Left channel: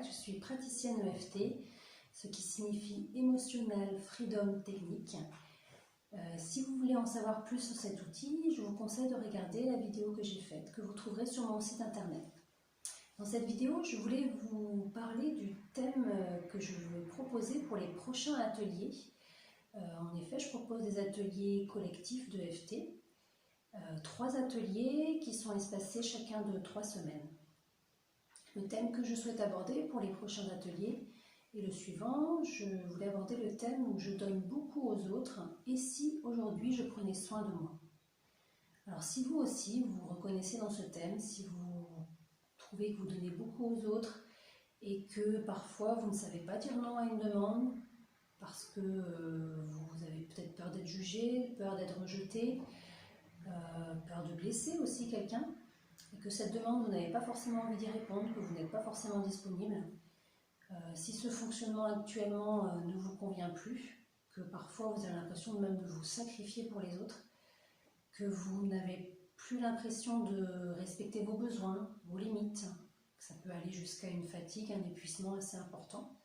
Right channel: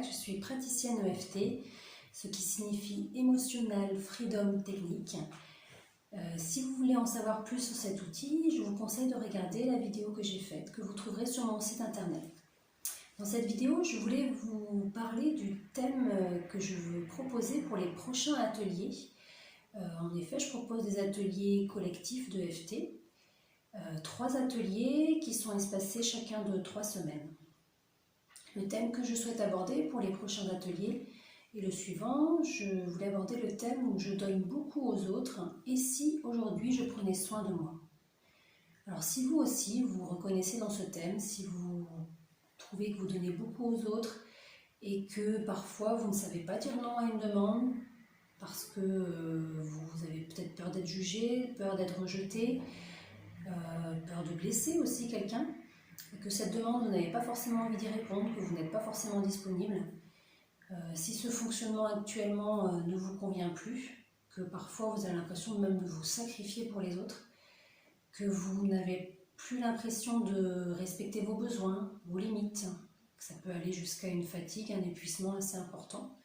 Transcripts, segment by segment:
Jacques, je suis praticienne EFT, ce qui signifie Emotional Freedom Technique. Si vous voulez en savoir plus sur cet outil, je vous conseille de regarder la vidéo que j'ai faite, que vous trouverez sur mon site internet. Dans cette vidéo, je voulais vous parler du thème que je veux proposer pour les prochains ateliers. En effet, je propose des ateliers collectifs de EFT, 3 ateliers qui sont espacés chacun de 3 semaines. Le thème que je souhaite aborder pour les prochains ateliers est le suivant. Je voulais aborder le thème où je donne beaucoup aux autres et si aujourd'hui je prenais soin de moi. Alors si vous aussi vous reconnaissez dans ce thème, si vous trouvez que vous donnez beaucoup aux autres et que parfois vous ne savez pas dire non à une demande parce que vous avez peut-être peur d'être jugé, peur d'être rejeté, peur de blesser aussi quelqu'un, et que cette demande, vous n'avez pas forcément envie d'y répondre, que vous n'êtes pas forcément disponible, si ce fonctionnement actuellement ne vous convient plus, que parfois vous avez l'impression même de vous sacrifier pour les autres, que vous n'avez plus l'impression de respecter vos besoins, vos limites, que ça peut aller jusqu'à une fatigue, un épuisement assez important,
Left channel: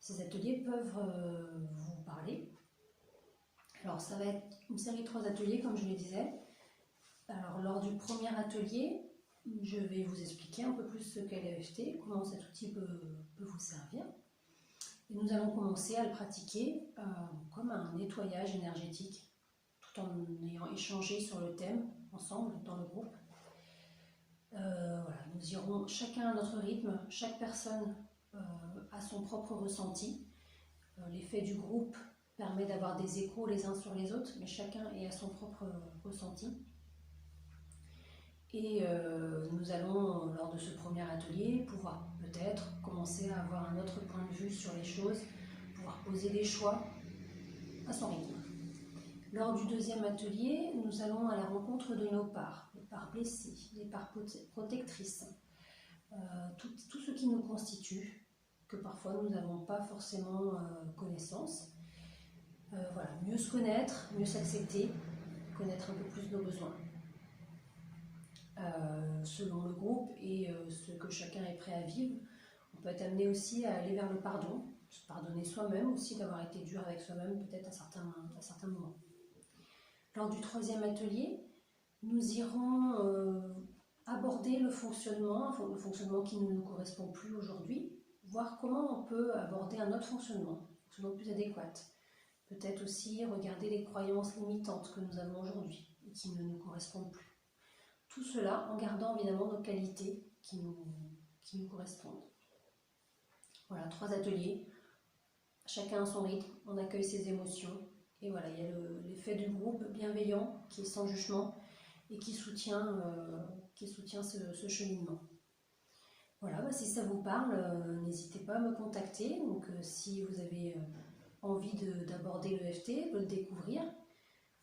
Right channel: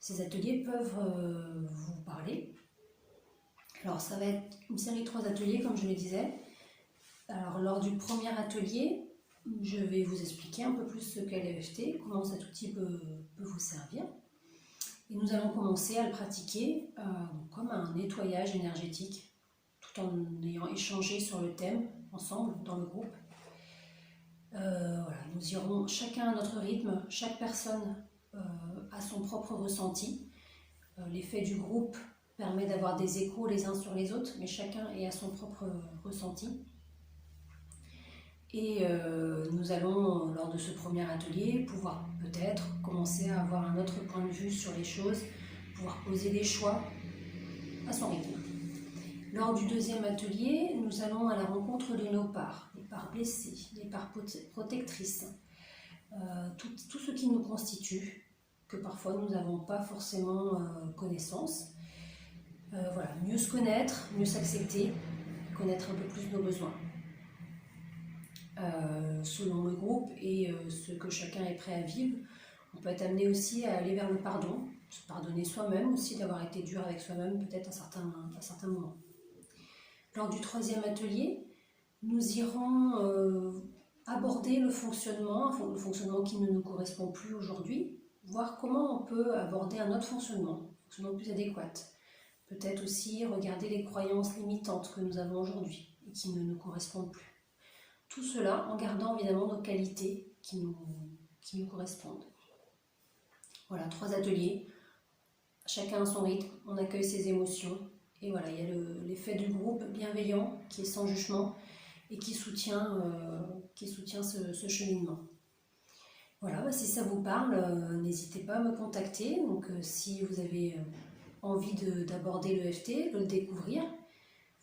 ces ateliers peuvent vous parler. Alors ça va être une série de 3 ateliers comme je le disais. Alors lors du premier atelier, je vais vous expliquer un peu plus ce qu'est l'EFT, comment cet outil peut vous servir. Et nous allons commencer à le pratiquer comme un nettoyage énergétique, tout en ayant échangé sur le thème ensemble dans le groupe. Voilà, nous irons chacun à notre rythme, chaque personne a son propre ressenti. L'effet du groupe permet d'avoir des échos les uns sur les autres, mais chacun est à son propre ressenti. Et nous allons, lors de ce premier atelier, pouvoir peut-être commencer à avoir un autre point de vue sur les choses, pouvoir poser des choix à son rythme. Lors du deuxième atelier, nous allons à la rencontre de nos parts, les parts blessées, les parts protectrices, tout ce qui nous constitue, que parfois nous n'avons pas forcément connaissance. Voilà, mieux se connaître, mieux s'accepter, connaître un peu plus nos besoins. Selon le groupe et ce que chacun est prêt à vivre, on peut être amené aussi à aller vers le pardon, se pardonner soi-même aussi d'avoir été dur avec soi-même peut-être à certains moments. Lors du troisième atelier, nous irons aborder le fonctionnement qui ne nous correspond plus aujourd'hui, voir comment on peut aborder un autre fonctionnement plus adéquat. Peut-être aussi regarder les croyances limitantes que nous avons aujourd'hui et qui ne nous correspondent plus. Tout cela en gardant évidemment nos qualités qui nous correspondent. Voilà, 3 ateliers, chacun à son rythme, on accueille ses émotions. Et voilà, il y a l'effet du groupe bienveillant qui est sans jugement et qui soutient ce cheminement. Voilà, si ça vous parle, n'hésitez pas à me contacter. Donc si vous avez envie d'aborder l'EFT, de le découvrir,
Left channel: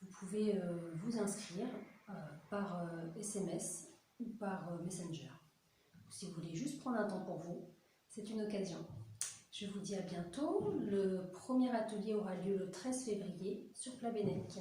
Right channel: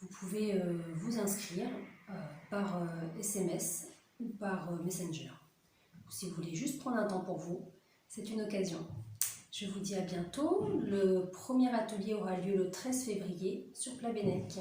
vous pouvez vous inscrire par SMS ou par Messenger. Si vous voulez juste prendre un temps pour vous, c'est une occasion. Je vous dis à bientôt. Le premier atelier aura lieu le 13 février sur Plabennec.